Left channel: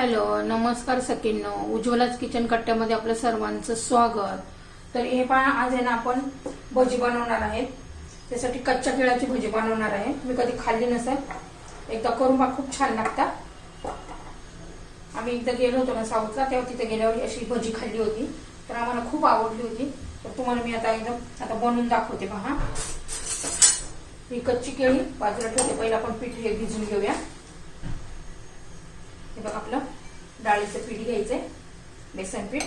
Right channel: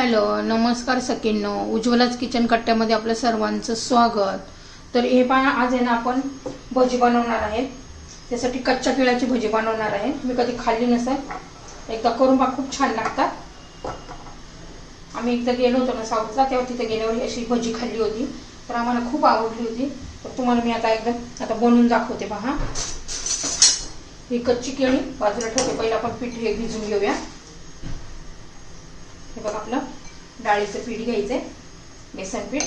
Hello नमस्कार सकिनो उज्ज्वलाच kitchen कट्ट्यामध्ये आपलं सर्वांचं स्वागत. तर हे पहा आज आहे ना आपण भजी बनवणार आहे. त्यासाठी कच्च्या केळ्याची भजी बनवणार आहे. मी कधी खाल्ली नसेल. एकदा करून पहा खूप छान लागतात. आम्ही एकदा गेलो होतो ना साऊथला तेव्हा तिथे गेल्यावर अशी भजी खाल्ली होती. तर आम्हाला खूप आवडली होती. तर तुम्हाला मी आता एकदम आता बनवून दाखवते पहा. ही कच्ची केळी बाजूला ठेवते. पहिला आपण पिठले भिजून घेऊया. हे बघ आपलं. डाळीचं पीठ घ्यायचंय. बेसन पीठ.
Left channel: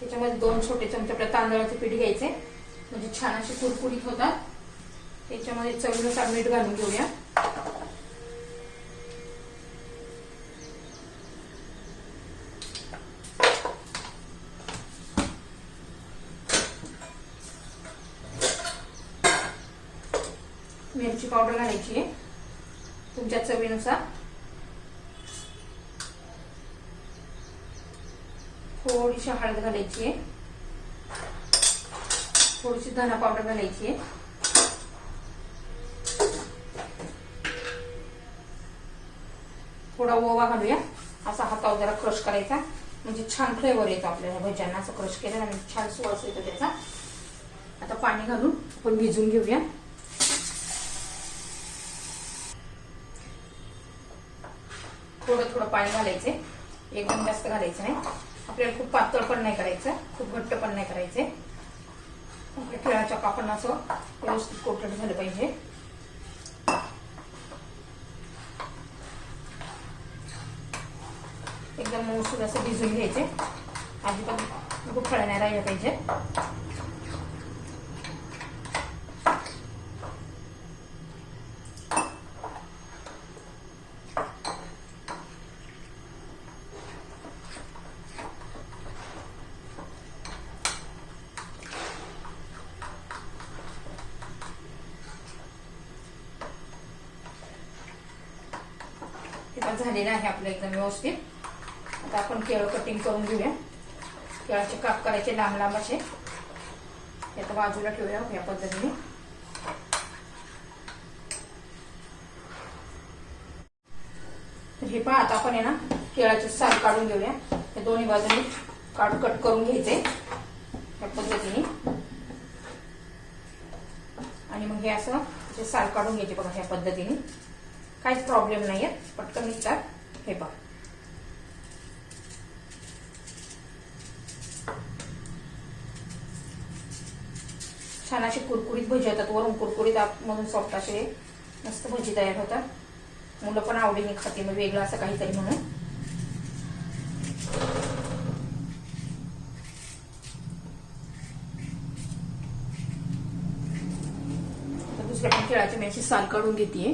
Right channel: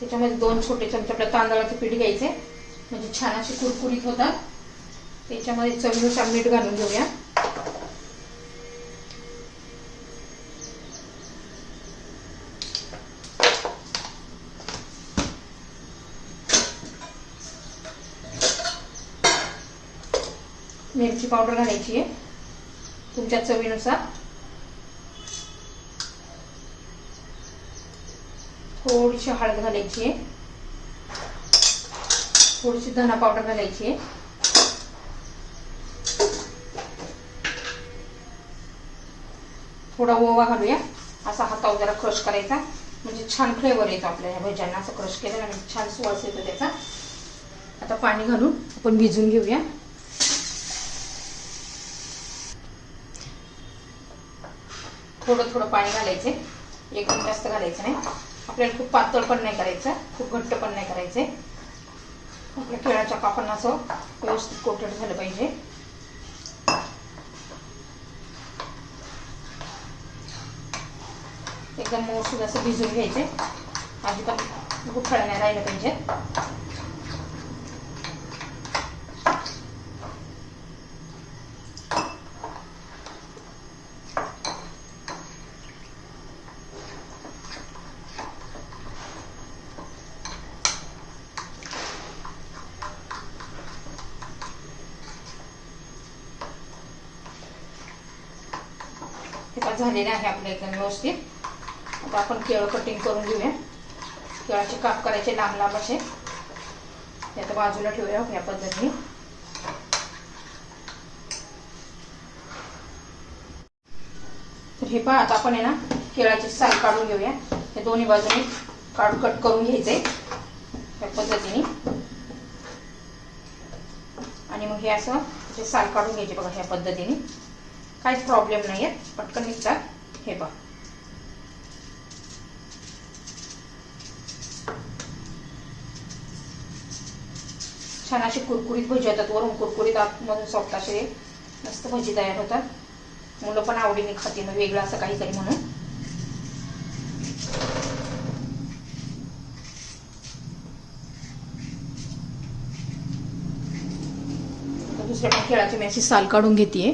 त्याच्यामध्ये दोन छोटे चमचे आपल्या तांदळाचे पीठ घ्यायचे म्हणजे छान असे कुरकुरीत होतात. त्याच्यामध्ये चमचा मीठ घालून घेऊया. मिरची पावडर घालायची आहे. तुमच्या चवीनुसार. थोडीशी हळद घालायची आहे. थोडीशी धना पावडर घालायची आहे. थोडा ओवा घालूया. असा हातावर जरा क्रश करायचा. म्हणजे छान फ्लेवर येतो आपल्या ह्या भज्यांना. असं क्रश केलं म्हणजे छान सुवास येतो त्याचा. आता पाणी घालून आपण भिजून घेऊया. थोडं थोडं पाणी घालायचे. एकदम जास्त घालायचं नाही. आपल्याला खूप पातळ पण नाही करायचं. खूप घट्ट पण नाही करायचे. आपल्या केळाच्या कापांना असं व्यवस्थित कोटेड झालं पाहिजे. एकदम व्यवस्थित असं भिजून घ्यायचे. अजिबात गुठळा नाही राहिलं पाहिजे. हे झालेलं आहे आपलं एकदम व्यवस्थित. आता आपण केळं कटिंग करून घेऊया. केळाचे काप करायचे लांब लांब असे. हे आता बाजूला ठेवूया या पद्धतीने. तर हे पहा आता आपण आहे ना केळाचे साल काढून घेऊया. हे दोन्ही बाजूने काढून कट करून घ्यायचे या पद्धतीने. आणि मग हे असं साल काढून घ्यायचे बघा ह्या पद्धतीने. काहीच प्रॉब्लेम नाही आहे पटकन निघतात हे बघ. छान असे कुरकुरीत भजी होतात. वरून कुरकुरीत आतमधून सॉफ्ट असे मस्त भजी तयार होतात. मुलं पण आवडीने खाते म्हणजे मग वेगळं असं काहीतरी म्हणून. दुसऱ्या पण खेळाची मी अशी साल काढून घेते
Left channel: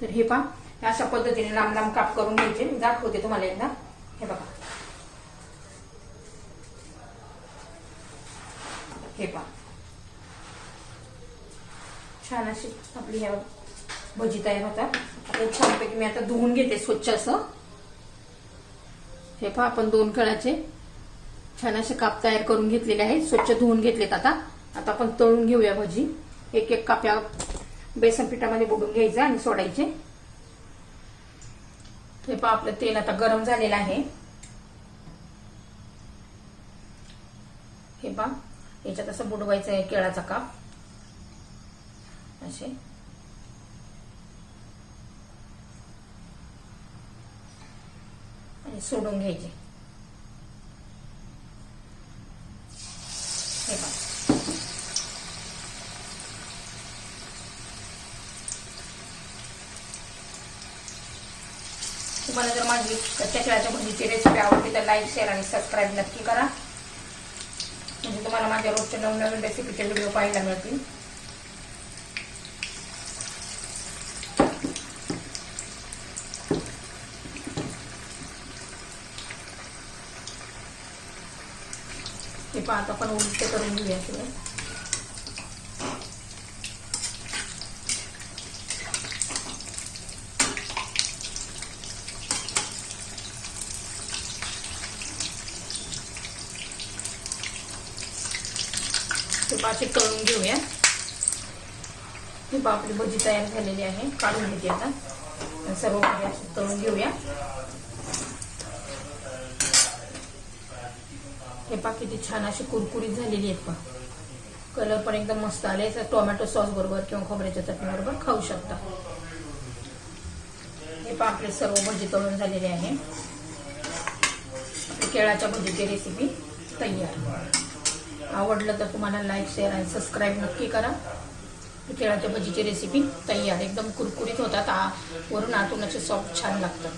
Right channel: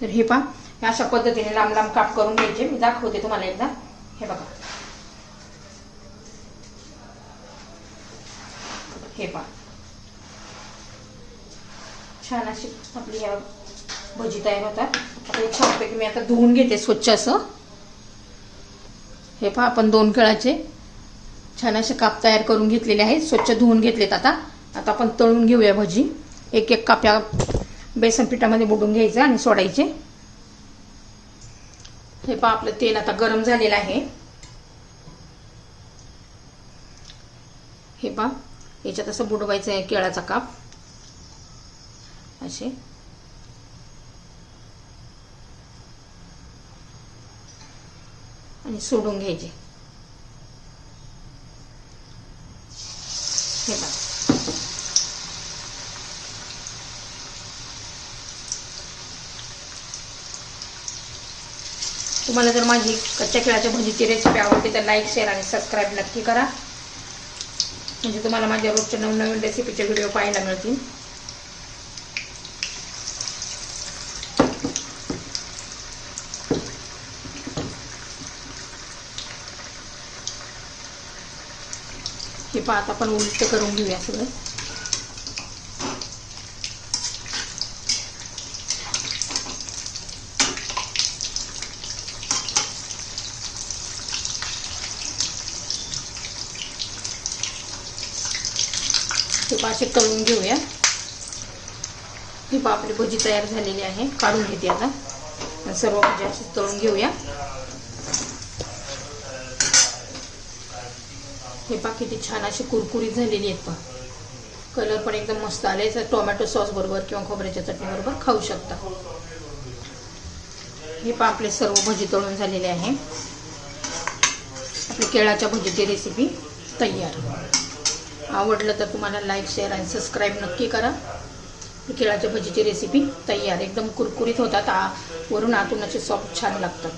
तर हे पा अशा पद्धतीने लांब लांब काप करून घ्यायचे. मी दाखवते तुम्हाला एकदा. हे बघा. हे पहा. छान अशी आपली भजी तयार होतात. आता एक छानपैकी मी आता धुवून घेते स्वच्छ असं. हे पहा आपण दोन कळाचे छान असे काप तयार करून घेतलेले आहेत. स्वच्छ धुवून घेतलेत आता. आता आपण तळून घेऊया भजी. एक एक काप्या बेसन पिठामध्ये बुडून घ्यायचं आणि सोडायचे. हे पहा आपलं तेल आता गरम झालेलं आहे. हे पहा याच्यात असं बुडवायचं आहे केळाचा काप. असे. आणि सोडून घ्यायचे. हे पहा. तुम्हाला जर माझी कच्च्या केळाच्या भजीची रेसिपी आवडते तर लाईक शेअर आणि सबस्क्राईब नक्की करा. म्हणजे तुम्हाला माझ्या रोजचे नवनवीन रेसिपीचे व्हिडिओ पाहायला मिळतील. हे पहा आता आपण उलट करून घेऊया सगळं. ते पाचे तळून घेऊया. ही पहा आपली भजी तयार झालेली आहे. काढून घेते आता. सर्व भजी अशी तळून घेऊया. हे पा किती छान अशी कुरकुरीत झालेली आहेत पा कलर पण एकदम मस्त आले तर टोमॅटो सॉस बरोबर किंवा खोबऱ्याच्या चटणी बरोबर खाऊ शकता. हे पा आपले सर्व भजी तळून झालेले आहे. केळाच्या भजीची रेसिपी तयार. आवडलं तर तुम्हाला लाईक शेअर आणि सबस्क्राईब नक्की करा. केळाच्या भजीची रेसिपी तयार एकदम कुरकुरीत होतात. आ वरून आतून असे सॉफ्ट छान लागतात.